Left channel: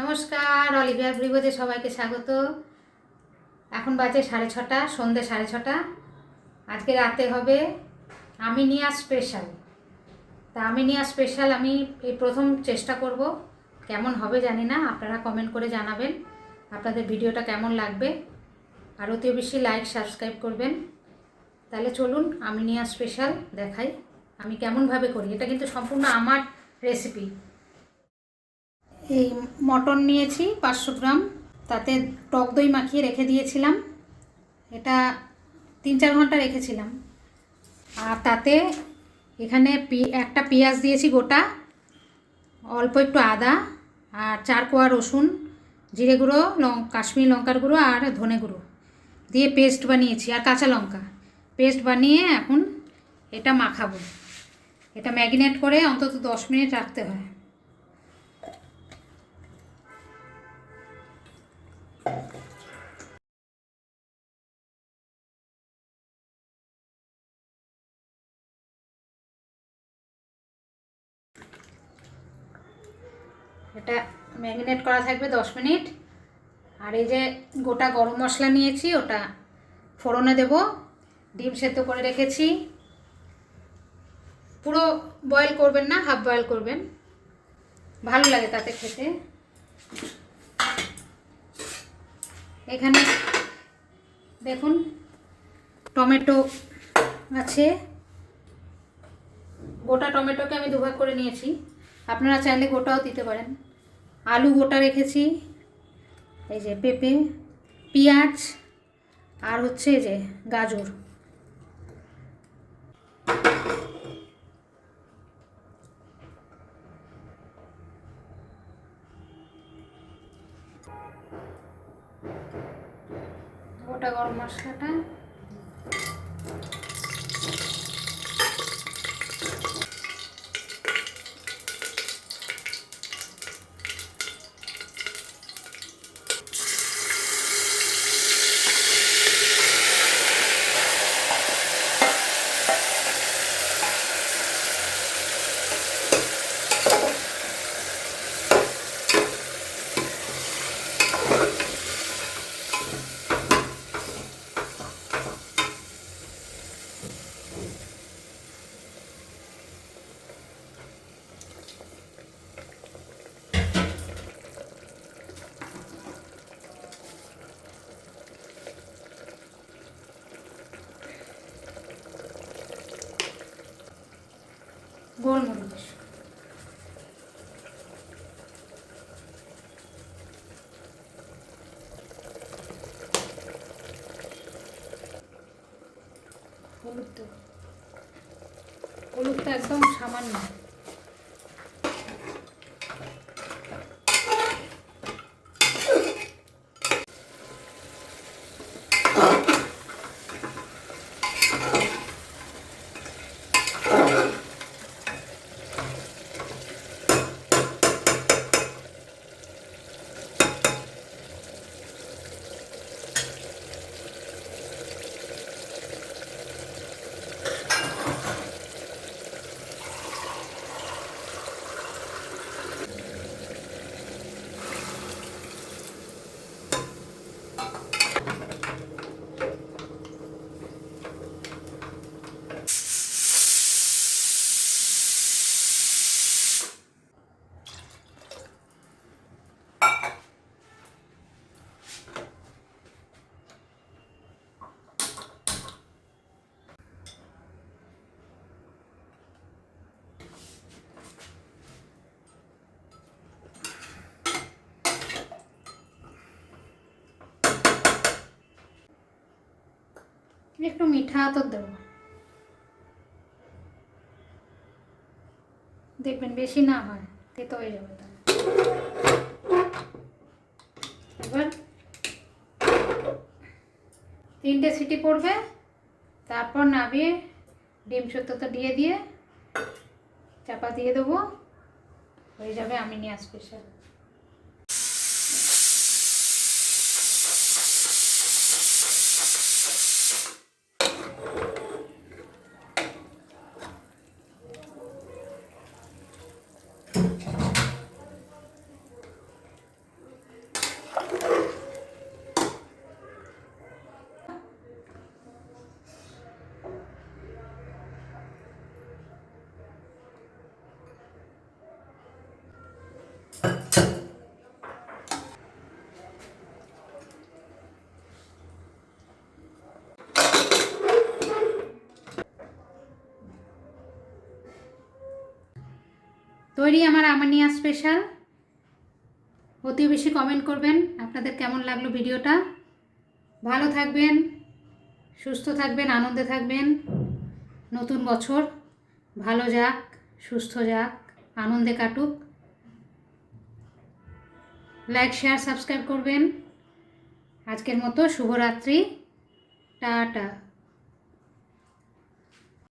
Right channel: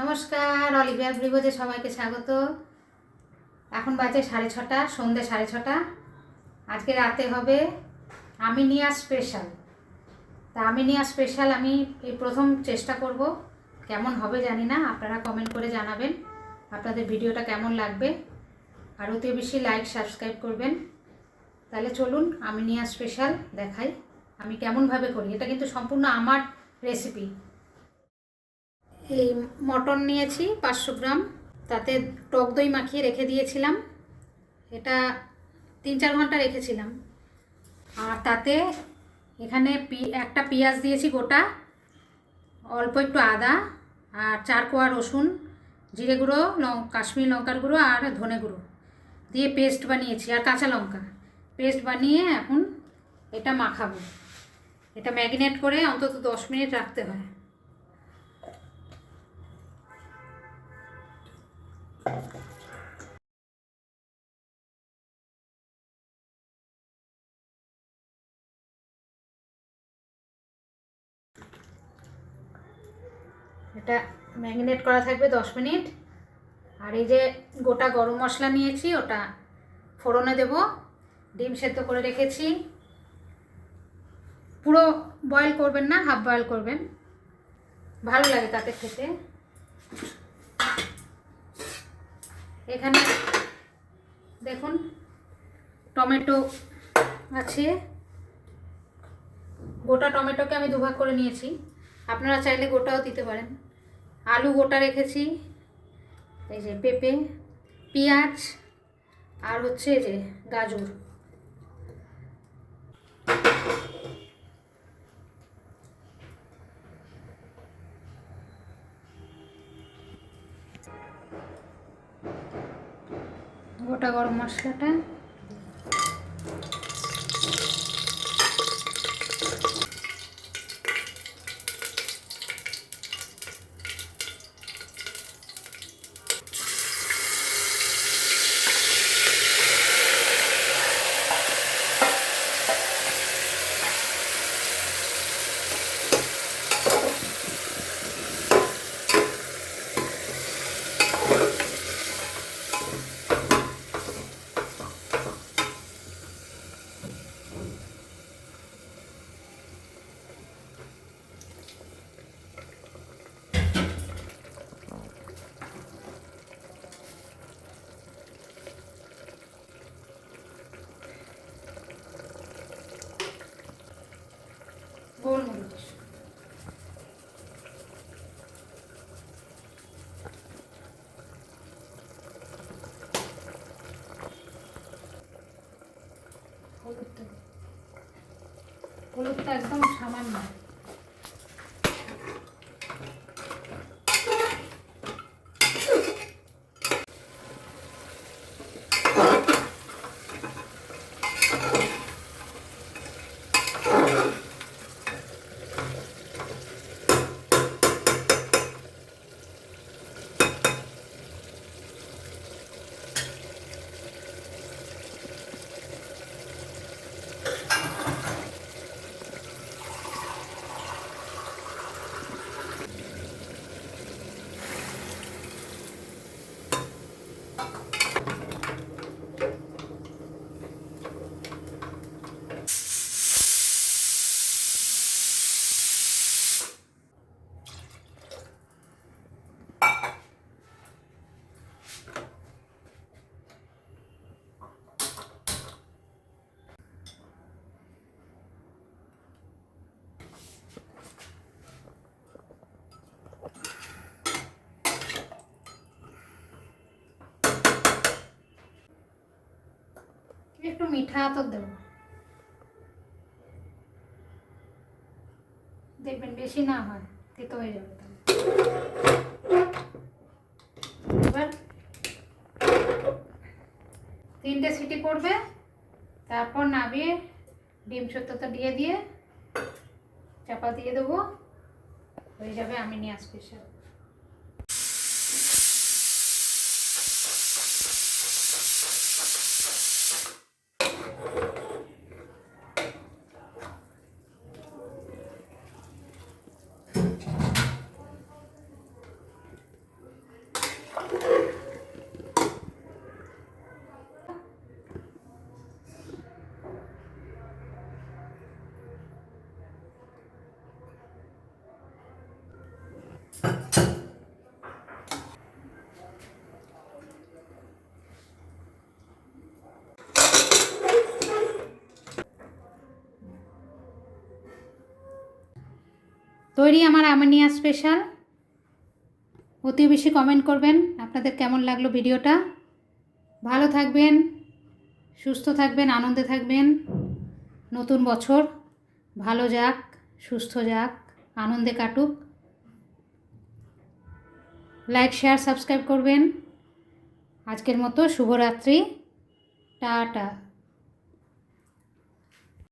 নমস্কার, অলিভিয়ার ব্রিগোজে সবাইকে স্বাগত। এখন বাজে 6:30, সন্ধ্যে 6:30। আজকে রাতে হবে আমিনিয়া স্পেশাল। তা আমিনিয়া স্পেশাল আমি এই প্রথম চেষ্টা করব, কেমন হবে জানি না। আপনারা কমেন্ট করে জানাবেন আপনাদের ভিডিওটা কেমন লাগবে। আর অতি বেশি লাইক সাবস্ক্রাইব করবেন। তাহলে চলুন আমিনিয়া স্পেশাল দেখাই আমি কেমনভাবে করি। এটা কিন্তু সম্পূর্ণ আমার রেসিপি। এই মটন নিয়েছি 500 গ্রাম, তাতে টক দই মাখিয়ে রেখে দিয়েছিলাম। এটা 3-4 ঘন্টা রেখেছিলাম। আর তাতে এখানে একটা পেঁয়াজ দিয়েছি গোটা, অল্প একটু আদা, আর 4 কোয়া রসুন, জিরে গুঁড়ো, কাশ্মীরি লঙ্কার গুঁড়ো আর ধনে গুঁড়ো দিয়ে পেস্ট বানিয়েছি, আর কাঁচা লঙ্কা পেস্ট বানিয়ে এখন এটা মাখাবো। এটা ম্যারিনেট করে অন্তত 10 মিনিট রাখতে হয়। এটা ম্যারিনেট করা থাকবে 10 মিনিট। আর এই যে গোটা গরম মশলা নিয়েছি, ওটা ফোড়নে দেব। ডিম সেদ্ধ করে রেখেছি, পুরো বয়েল করবেন না, হাফ বয়েল করবেন, ভালো লাগে তাতে খেতে। এখানে দেখুন টমেটো আছে, গোটা টমেটোকে আমি দুভাগ করে নিয়েছি, আপনারা চাইলে গোটাও দিতে পারেন। আলু গোটা রেখেছি, এই যে পেঁপে, পেঁয়াজ, আর হচ্ছে এই যে গাজর। গোটা গরম মশলাটা, গোলমরিচ, হলুদটা একদম সামান্য। একটু মিঠা তো দেবো, দেখবেন বেশি না হয়, তেতো হয়ে যাবে। এবার 3টে সিটি পড়বে, তারপর নামিয়ে ডিম সেদ্ধটা দিয়ে চাপা দিয়ে দেবো, হয়ে যাবে আমিনিয়া স্পেশাল। তৈরি আমার আমিনিয়া স্পেশাল। অতি বেশি কমেন্ট করবেন আপনাদের কেমন লাগলো ভিডিওটা। ভালো থাকবেন, সুস্থ থাকবেন, আনন্দে থাকবেন। নতুন বছর ভালো যাক, সুস্থ যাক, আনন্দে কাটুক। লাইক, শেয়ার, সাবস্ক্রাইব করবেন। আজকের মতো শুভরাত্রি, টাটা।